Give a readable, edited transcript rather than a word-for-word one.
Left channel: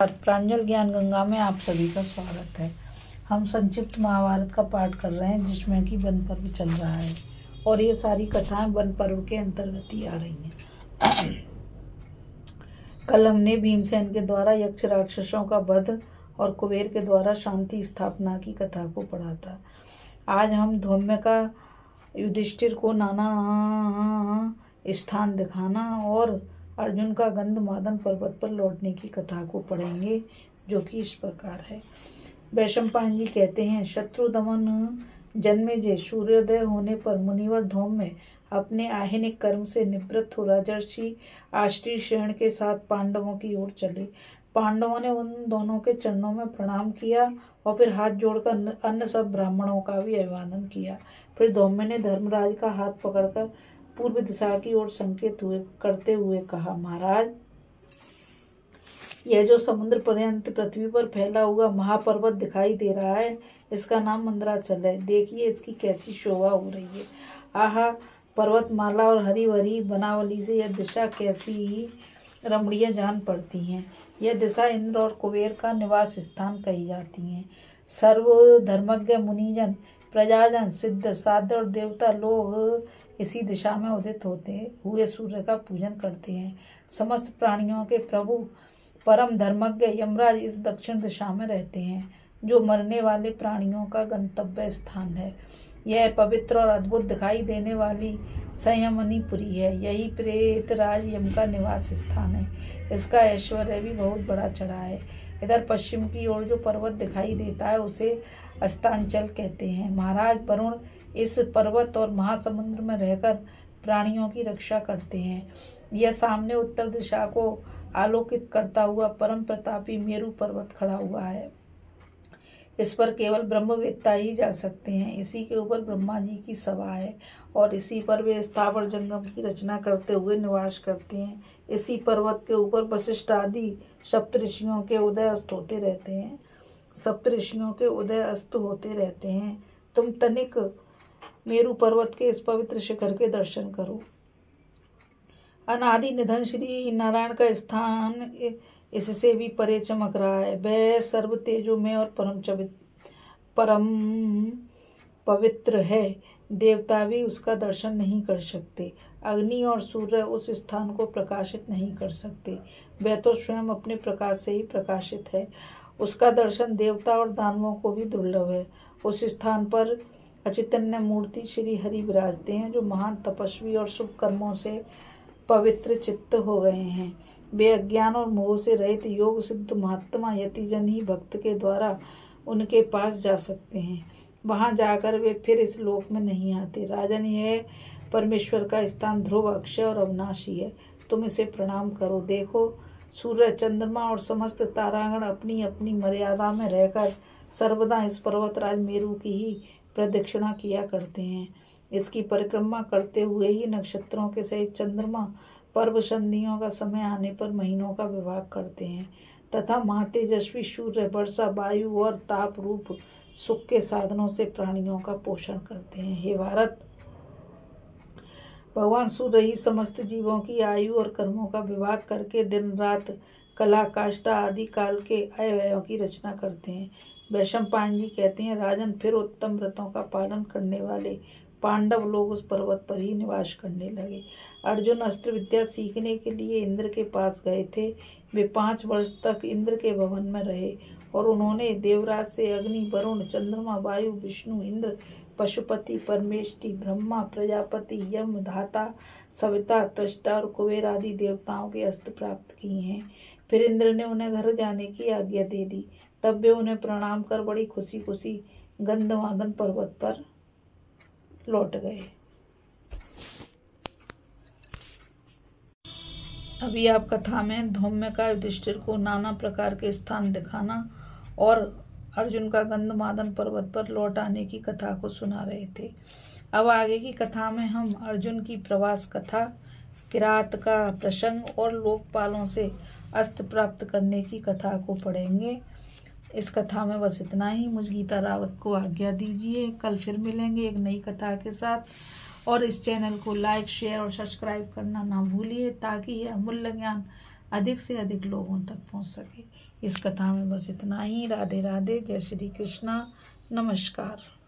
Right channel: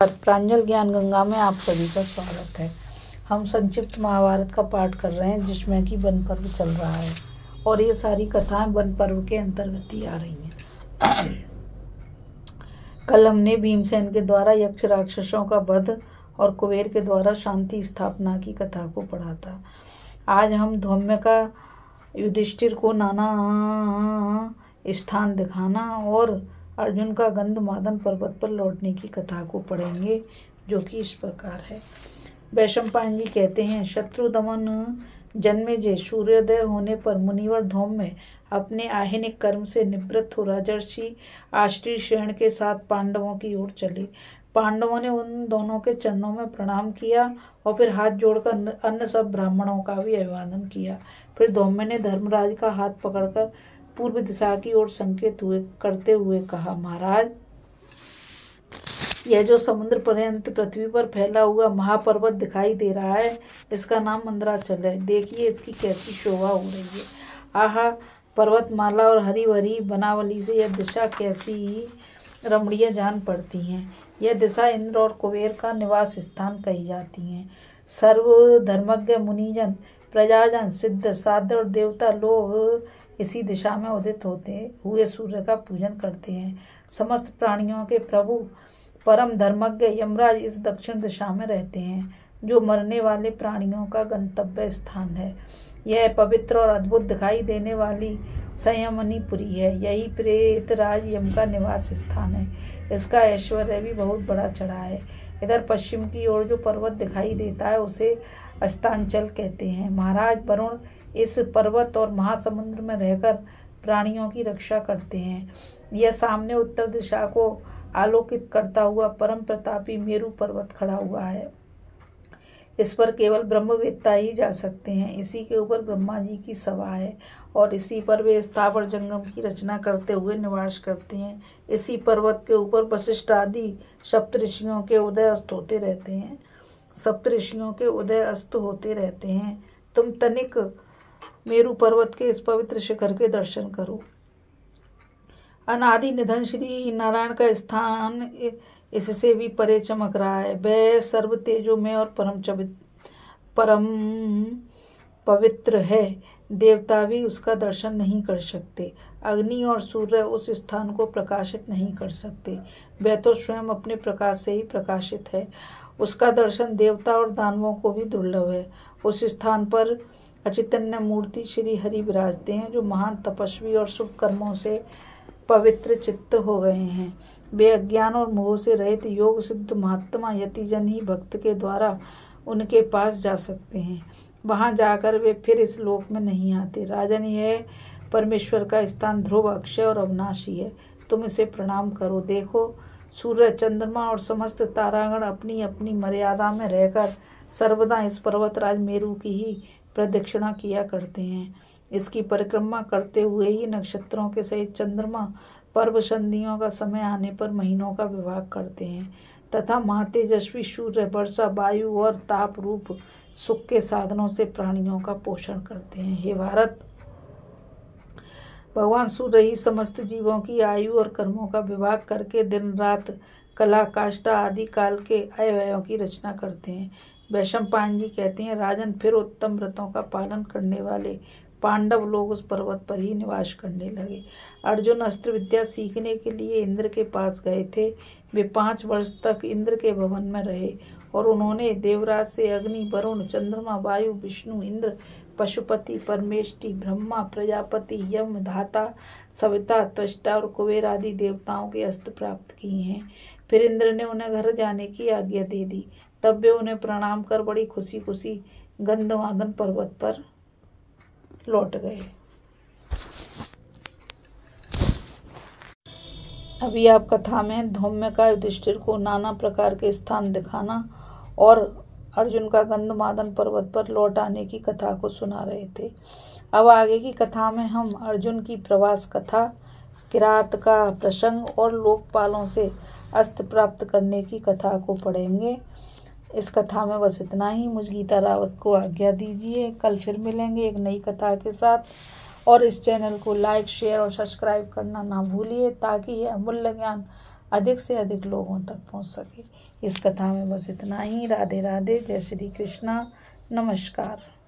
प्रांजल ज्ञान गंगा में आप सभी का स्वागत है। हम संक्षिप्त महाभारत का पाठ कर रहे हैं, जिसमें कि वन पर्व चल रहा है और ये सारी कथाएं वन पर्व के अंतर्गत ही आ रही हैं। कल हमने भीमसेन के द्वारा यक्ष राक्षसों का वध और कुबेर के द्वारा शांति स्थापना की कथा को पढ़ा था। आज हम धौम्य का युधिष्ठिर को नाना स्थान दिखाना और अर्जुन का गंधमादन पर्वत पर लौटने की कथा को पढ़ेंगे, जो कि इस प्रकार है। वैशंपायन जी कहते हैं, शत्रु दमन जन्मेजय सूर्योदय होने पर मुनिवर धौम्य अपने आहिनिक कर्म से निवृत्त हो राजर्षि आश्रयण के साथ पांडवों की ओर चले। पांडवों ने उन दोनों के चरणों में प्रणाम किया और फिर हाथ जोड़कर अन्य सब ब्राह्मणों का भी अभिवादन किया। फिर धौम्य ने धर्मराज का हाथ पकड़कर पूर्व दिशा की ओर संकेत करते हुए कहा, महाराज, यह जो समुद्र पर्यंत पृथ्वी पर फैला हुआ महापर्वत दिखाई दे रहा है, इसका नाम मंदराचल है। देखिए इसकी कैसी शोभा हो रही है। आहा, पर्वतमाला और हरी भरी बनावली से यह दिशा कैसी रमणीय जान पड़ती है। यह दिशा इंद्र और कुबेर का निवास स्थान कही जाती है। सर्व धर्मज्ञ मुनिजन, प्रजाजन, सिद्ध, साधु और देवता लोग इसी दिशा में उदित होते हुए सूर्य का पूजन करते हैं। समस्त प्राणियों के प्रभु परम धर्मज्ञ यमराज इस दक्षिण दिशा में रहते हैं, जो मरने वाले प्राणियों का गंतव्य स्थान है। यह पवित्र और अद्भुत दिखाई देने वाली संयमनीपुरी है। यही प्रेतराज यम का निवास स्थान है। इसका ऐश्वर्य भी बहुत बड़ा चढ़ा है। इधर पश्चिम की ओर जो पर्वत दिखाई देता है उसे अस्तांचल कहते हैं। महाराज वरुण इस पर्वत और महासमुद्र में रहकर प्राणियों की रक्षा करते हैं। यह सामने उत्तर दिशा को आलोकित करता हुआ परम प्रतापी मेरु पर्वत खड़ा हुआ है। इस पर केवल ब्रह्मवेत्ता ही जा सकते हैं। इसी के ऊपर ब्रह्मा जी की सभा है और इसी पर वे स्थावर जंगम की रचना करते हुए निवास करते हैं। इसी पर्वत के ऊपर वशिष्ठ आदि सप्तऋषियों के उदय अस्त होते रहते हैं। तुम तनिक मेरु पर्वत के इस पवित्र शिखर के दर्शन करो। अनादि निधन श्री नारायण का स्थान इससे भी परे चमक रहा है। वह सर्व तेजोमय और परम पवित्र है। देवता भी उसका दर्शन नहीं कर सकते। अग्नि और सूर्य उस स्थान को प्रकाशित नहीं कर सकते। वह तो स्वयं अपने प्रकाश से ही प्रकाशित है। उसका दर्शन देवता और दानवों को भी दुर्लभ है। उस स्थान पर अचैतन्य मूर्ति श्री हरि विराजते हैं, जो महान तपस्वी और शुभ कर्मों से पवित्र चित्त हो गए हैं। वे अज्ञान और मोह से रहित योग सिद्ध महात्मा यतिजन ही भक्त के द्वारा उनके पास जा सकते हैं। वहां जाकर वे फिर इस लोक में नहीं आते। राजन, यह परमेश्वर का स्थान ध्रुव, अक्षय और अविनाशी है। तुम इसे प्रणाम करो। देखो, सूर्य, चंद्रमा और समस्त तारागण अपनी अपनी मर्यादा में रहकर सर्वदा इस पर्वतराज मेरु की ही प्रदक्षिणा किया करते हैं। इसकी परिक्रमा करते हुए ही नक्षत्रों के सहित चंद्रमा पर्व संधियों का समय आने पर महीनों का विभाग करते हैं तथा महातेजस्वी सूर्य वर्षा, वायु और ताप रूप सुख के साधनों से प्राणियों का पोषण करते हैं। हे भारत, भगवान सूर्य ही समस्त जीवों की आयु और कर्मों का विभाग करके दिन रात, कला, काष्ठा आदि काल के अवयवों की रचना करते हैं। वैशंपायन जी कहते हैं, राजन, फिर उत्तम व्रतों का पालन करने वाले पांडव लोग उस पर्वत पर ही निवास करने लगे। अर्जुन अस्त्र विद्या सीखने के लिए इंद्र के पास गए थे। वे 5 वर्ष तक इंद्र के भवन में रहे और उन्होंने देवराज से अग्नि, वरुण, चंद्रमा, वायु, विष्णु, इंद्र, पशुपति, परमेष्टि, ब्रह्मा, प्रजापति, यम, धाता, सविता, त्वष्टा और कुबेर आदि देवताओं के अस्त्र प्राप्त किए हैं। फिर इंद्र ने उन्हें घर जाने की आज्ञा दे दी। तब वे उन्हें प्रणाम कर बड़ी खुशी खुशी गंधमादन पर्वत पर लौट गए। अभी आप कथा में धौम्य का युधिष्ठिर को नाना प्रकार के स्थान दिखाना और अर्जुन का गंधमादन पर्वत पर लौट आने की कथा को सुना रहे थे। अब आगे की कथा में हम अर्जुन की प्रवास कथा, किरात का प्रसंग और लोकपालों से अस्त्र प्राप्त करने की कथा को पढ़ेंगे। इस कथा में बस इतना ही। मुझ गीता रावत को आज्ञा दीजिए। कल फिर मिलेंगे एक नई कथा के साथ। और इस चैनल को लाइक, शेयर और सब्सक्राइब करना ना भूलिए, ताकि यह अमूल्य ज्ञान अधिक से अधिक लोगों तक पहुंच सके। इस कथा में बस इतना ही। राधे राधे, जय श्री कृष्णा, नमस्कार।